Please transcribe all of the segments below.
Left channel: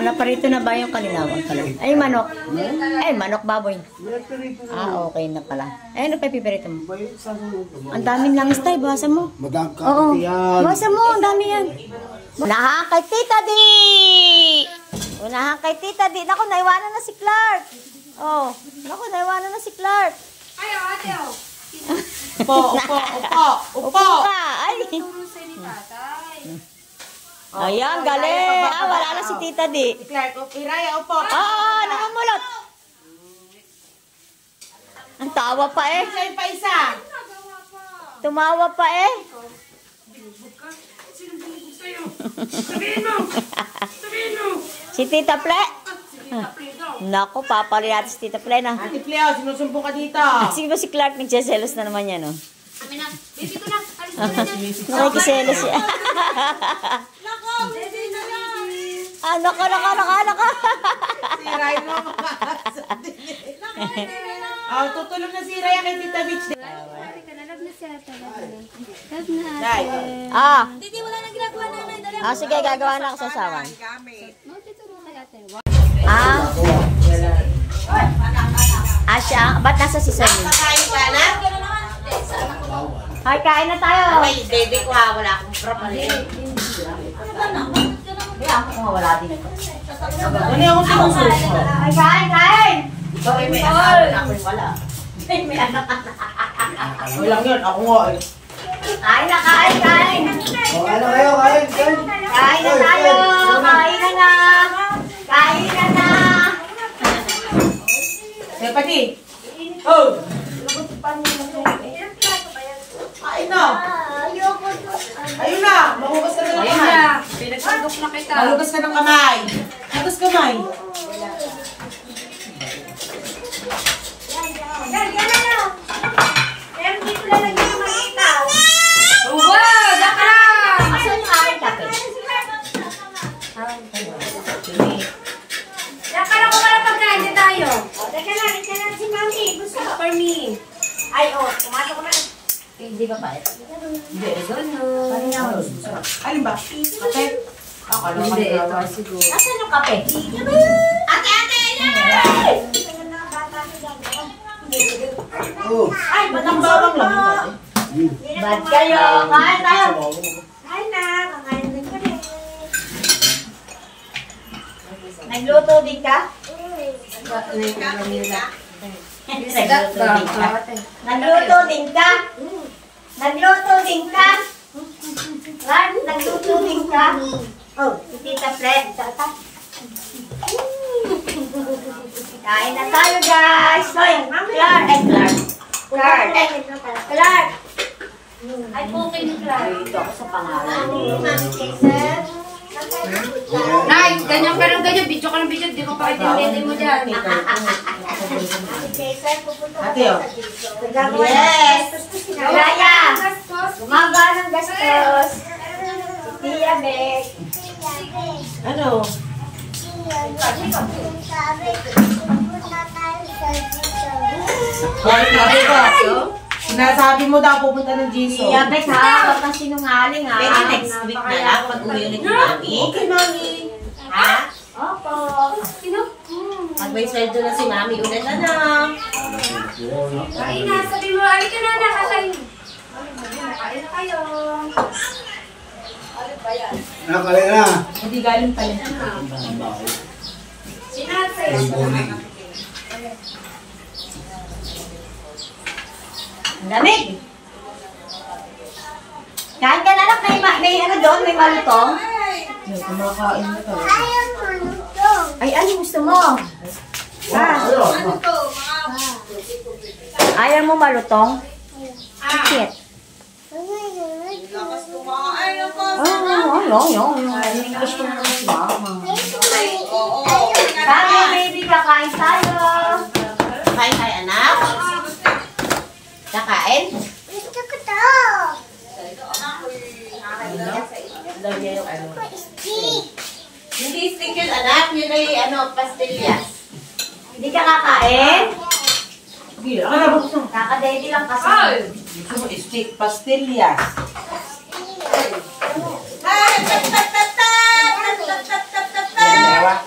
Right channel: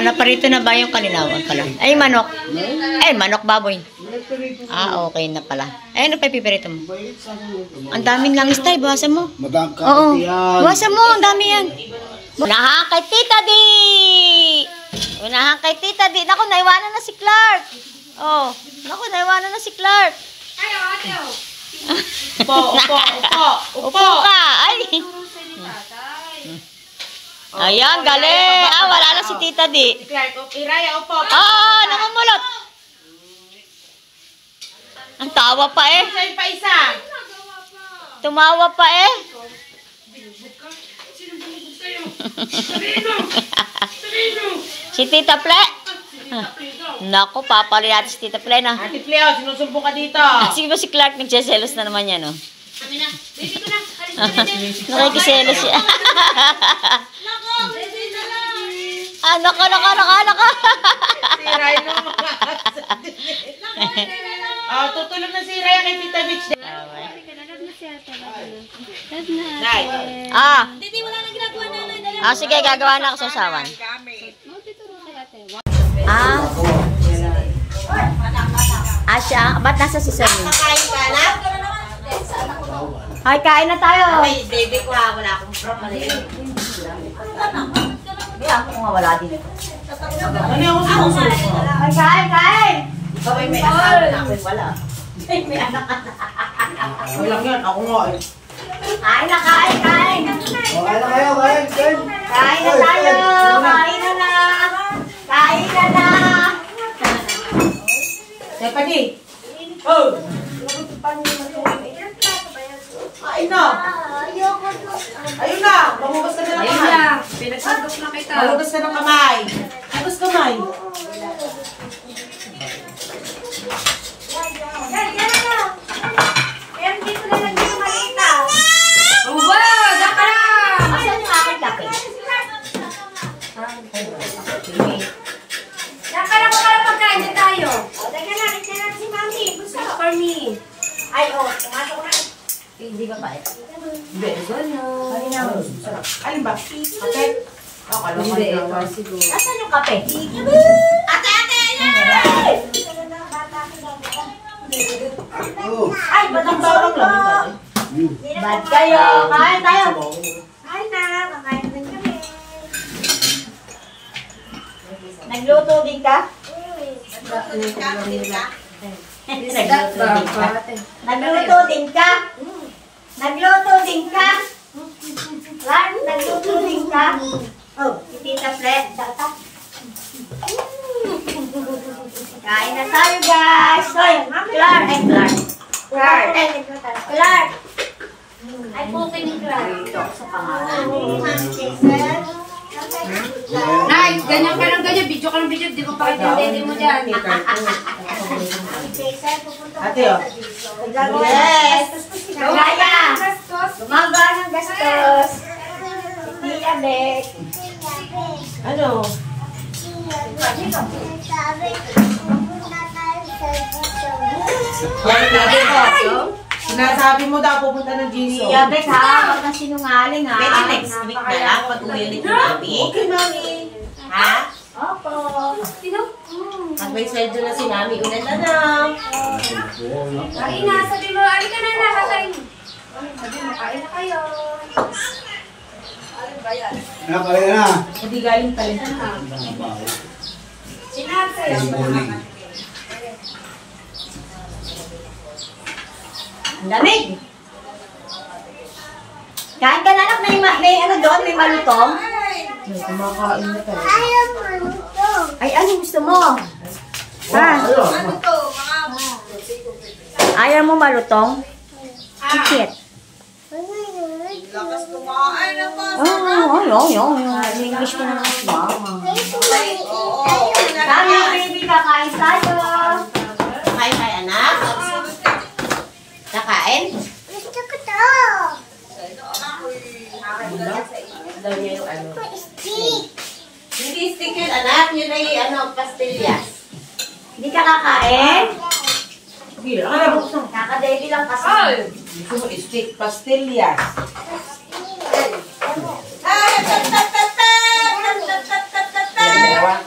naparito na ba yung kalinawan pala? Ay, manok. Ay, manok baboy. Okay na pala. Ay, ano pa pipirito mo? Ang daming langis tayo. Bawasan mo. Oo. Bawasan mo. Ang dami yan. Unahan kay Tita Di! Unahan kay Tita Di. Naku, naiwanan na si Clark. Oh. Naku, naiwanan na si Clark. Ayo, ate. Upo ka. Ay. Ayan, galing. Wala lang si Tita Di. Iraya, upo. Namumulot. Ang tawa pa eh. Isa. Tumawa pa eh. Si Tita Ple. Naku, papali natin si Tita Ple na. Ate Cleo, sinusumbong ka dito. Sige ba si Clark nagsiselos na naman yan, no? Amin na. Baby ko na. Nakikiselos siya. Baby na lang. Naka. Si Rhino. Tutulong na si Rhino kay Tita Beach. Didi, wala na ginagawa na. Sige, gagawa na ako sa sawan. Siya, ba't nasa si Sammy? Kakain ka na? Ay, kain na tayo. Ay, baby ko ha. Wala akong propalin. Kaya ako nga wala din ito. Ano yung sinususo? Ay, kain! Ay, may asawa na ako wala. Ay, may anak ka. Walang yun. Ako nga eh. Kain na, kain! Kain na tayo! Kain na na! Sepadi. Oh! Kain na! Ayun na! Mahugas ka na ng kamay. Pinagsundok na kita. Mahugas ka ng kamay. Mahugas kamay. Wow! Diyan ka lang! Asan yung aking kape? Diyan ka lang kung wala pagkain din tayo. Si Mami. For me. Pumasok na. Hindi ba pa eh? Hindi. Alin ba? Kape? Hindi, ito siguro. Asan yung kape? Ate! Ay, ba't ang bawang lang? Bad kayo! Kain tayo! Kain na. Kakain din kami. Nagluto din ka? Nagluto din ka? Nagluto din ka? Lan, nagluto din ka? Oh, si Tita Fred. Kain na tayo, guys! Hoy, Clark! Clark! Ay, okay ni Clara. Dito ako sa pangalan. Nay, ganyan ka lang ganyan. Video ka ng video. Di ko pa kitindin mo dyan. Ate oh. Yes! Raya! Gumagawa ng gastos! Tia Beck! Ano? Sabi ko. Sinasabi mo daw pupunta ng Jiso. Tia Beck ha! Huwag kang sinungaling ha! Pwede next week na lang pag uwi ulit yung mami. Okay, mami. Ha? Opo! Pag may sweldo na si mami, ulan na lang. Kain na. Sabi mo, alin ka na nakakain. Sabi mo, kain na kayo. Nakakaya na. Hindi galing pala. Sinate. Ang lamig! Kain ka na lang, may ano doon, may malutong. Kumakain na tayo. Ay, ano gusto mo? Ayaw mo malutong? Bakit? Gusto mo tayo, baby, kakain tayo. Kain tayo, anak. Kakain? Daw niya yung ano. Hindi stick yun, anak. Yun ay pastillas. Hindi ka kakain? Hindi, akala mo gusto mo. Kaka-baby lang kasi. Gusto mo stick pastillas. Yan, dalawa.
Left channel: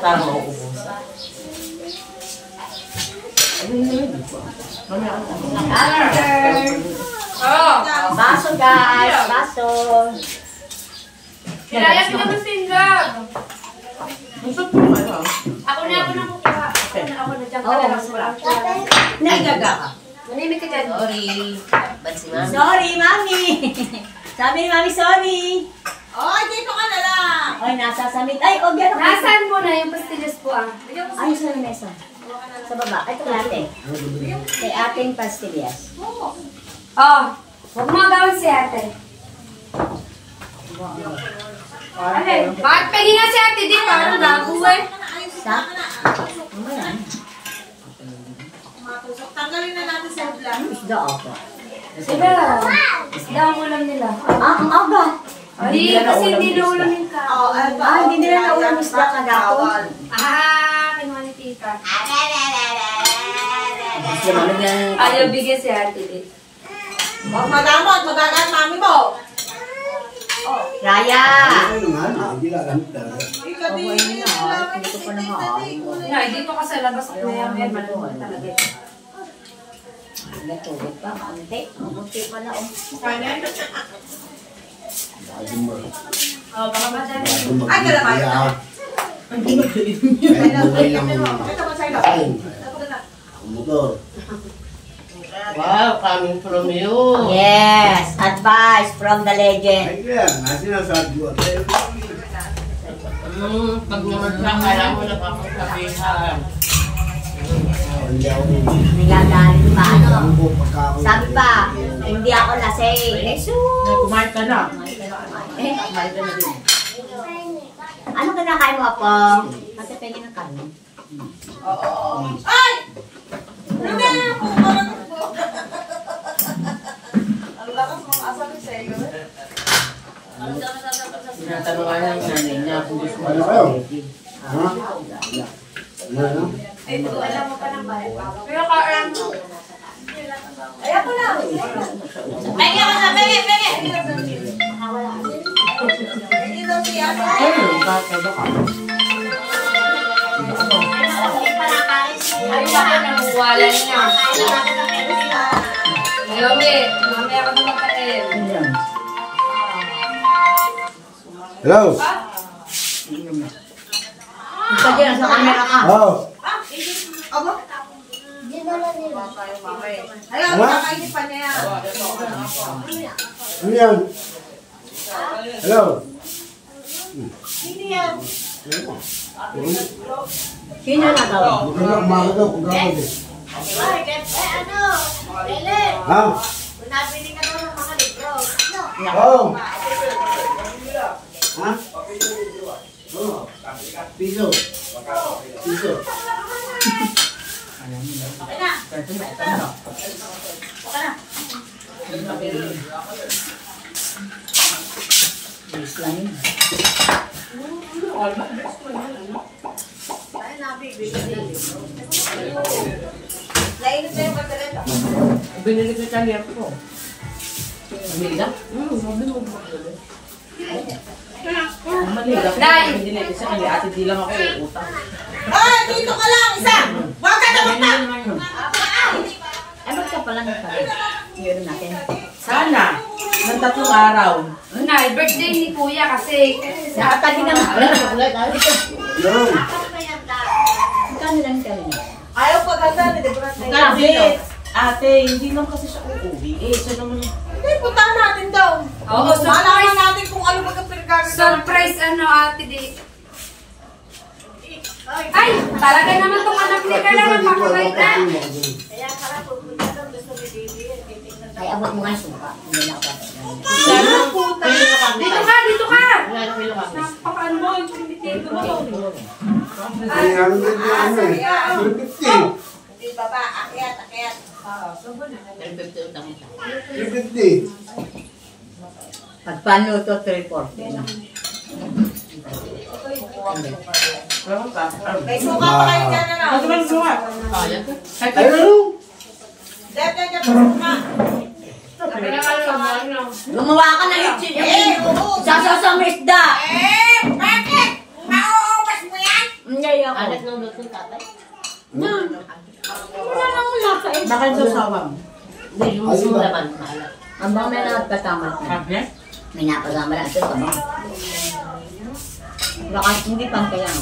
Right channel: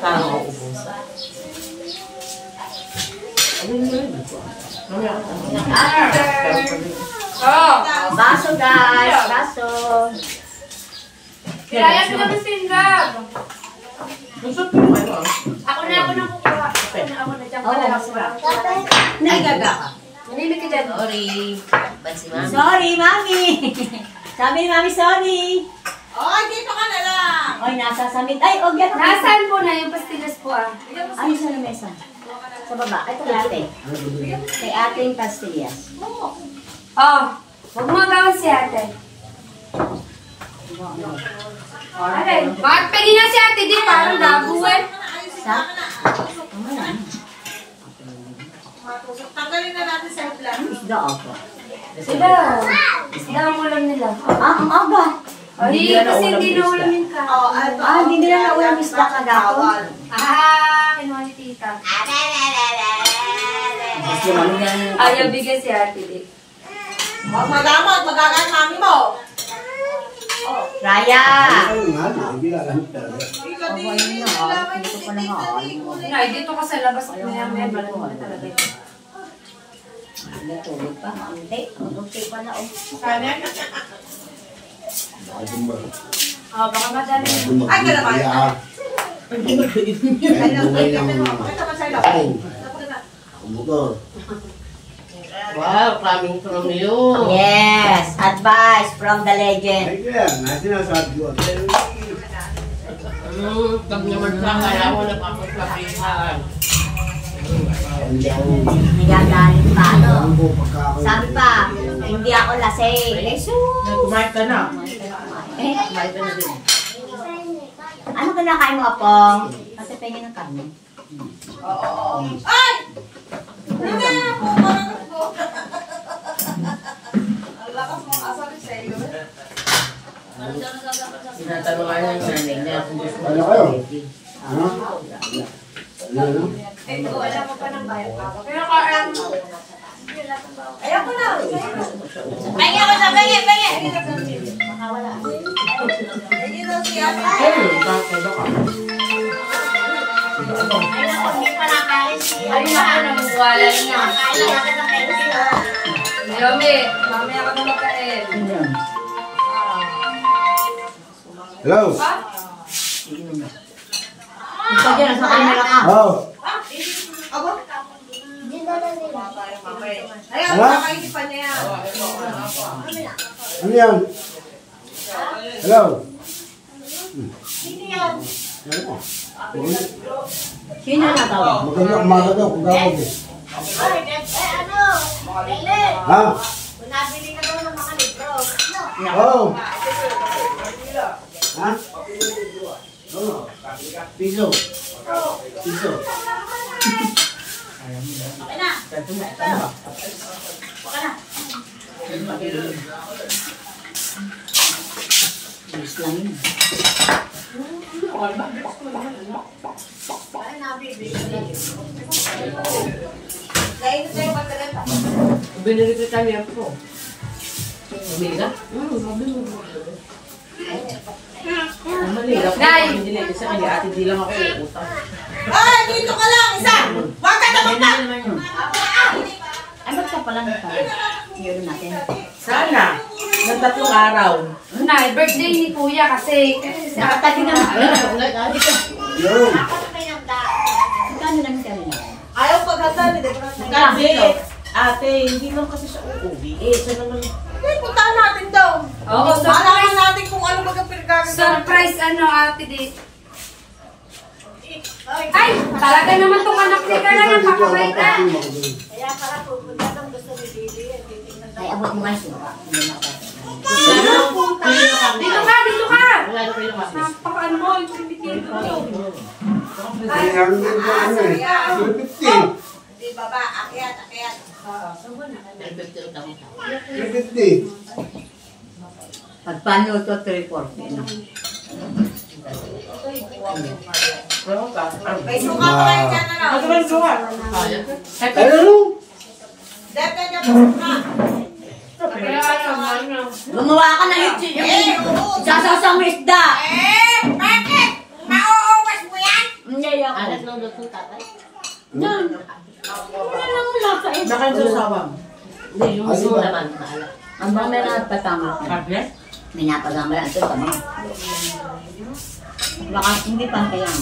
para mauubusan. Oh! Baso guys, baso. Kilala ko naman si Indrag. Ako na kukuha. Ako na dyan. Oo, masarap. Naigaga ka. Manimik ka dyan. Sorry. Ba't si mami? Sorry, mami. Sabi ni mami, sorry. Oy, dito ka na lang. Oy, nasa samit. Ay, o, gano'n. Nasaan po na yung pastillas po ah? Ay, sa lamesa. Sa baba. Ito ate. Kay ating pastillas. Oh! Huwag mo gawin si ate. Alin? Bakit pwede na si ate? Di parang gago eh. Sa? Mamaya. Tanggalin na natin sa vlog. Isda ako. Sila. Isda ang ulam nila. Ah, ang aga. Ay, kasi hindi na ulam yung ka. Ah, hindi nila naulam isda kagapon. Ah, kinuha ni tita. Mas naman yan. Ayaw bigyan si ate di. Huwag magamot, magagat mami mo. Raya! Ayun nga, ginagamit talaga. Oh, ayun na. Hindi ko pa naman. Nay, dito ka sa labas. Maya-maya, malamig na talaga. Natulog pa, kaunti. Ang unti pa na. Oh, baka madali. Ay, gano'n ba? Motor. Wow, coming from you. Yes! Advice from the legend. Ay, kaya, nasinasabi ko. Pag naman sa kala mo na papasabihan. Hindi ako. Nagagaling pa, ano? Pagkakaroon. Sabi pa, hindi ako lasing. Jesus! Kumain ka na. Eh, Kumain ka na din. ano kinakain mo, Apo? Kasi pengin ng karne. Ay! Hindi na po. Ang lakas mga asabi sa iyo. Tinatanong nga ng nanay niya kung gusto mo Ano ng kayo? spaghetti. Ha? Ano? Ay, ito, alam mo pa ng bayan. Pero kaalam ko. Ayan ko na. Penge ko na, penge. Hindi daw siya. Ayun, kakaba ka. Ay, ako nanguwala niya. Yomi, mamaya ka na makain. Hello? Ito dyan, sa camera ka. Oh. Abo? Ayan, Ano? kakainin pa niya yan. Ano yan? Hello? Sino na tawag? Maganda kumaga daw kung gawag eh. Ha? Oh. Ha? Oh. Piso. Piso. Yes lang yun. Binili ko Italian po. Amiga? Sabi mo. Manila. Nay! Hindi na kasi kaya ate di lang ako utang. Ay, dito ka lang, isa. Huwag ka na punta. Ay, ba't ka pala nagpala? Yun natin. Sana. Ng 3 araw. Nay, birthday ni Kuya kasi. Nakatabi na nga. Hello? Magkano lang kami? Ayaw paghanda, hindi ko na Ate, hindi lang kasi siya uuwi. Eh, siya naman. Hindi, puntahan natin daw. Oo, Malaman natin kung ano magkapirgagawin. surprise ano ate di. Ay, talaga naman tong anak ni Carla napakabait na. Ay, abot mo nga yung suka. Hindi na ako. Dito ka, dito ka. Wala na kayo kasi. Napakaano mo, intimidated mo. Hindi namin ganyan ano eh. 350. Di baba, akyat. 350 utang mo. 350. Pag paano ito, 340 na. Pero ka. May suka pa kayo dyan na lang. Ano ba yung suka? Ayan. Ano? Dyan pa suka. Gumawa ka ng itchin. Sasaw-saw mo isda. Bakit? Mauubas mo yan? Hindi ako. Alat ng luto, tatay. Wala lang ang lasa eh. Bakit susawang? Hindi, yung Ay, luto iba. naman. Maalat. Ang bang meron at pasamat na. Tablet? May napasama lang ito pa mo. Baka hindi pantayang.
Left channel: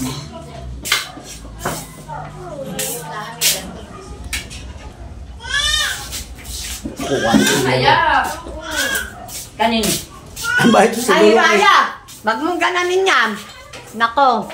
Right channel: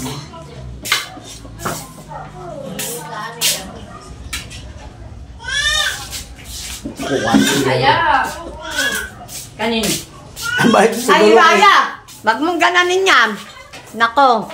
Kaya. Kanin. Ang bakit sa Ay, dalawa? Raya! Wag mong gananin yan. Nako.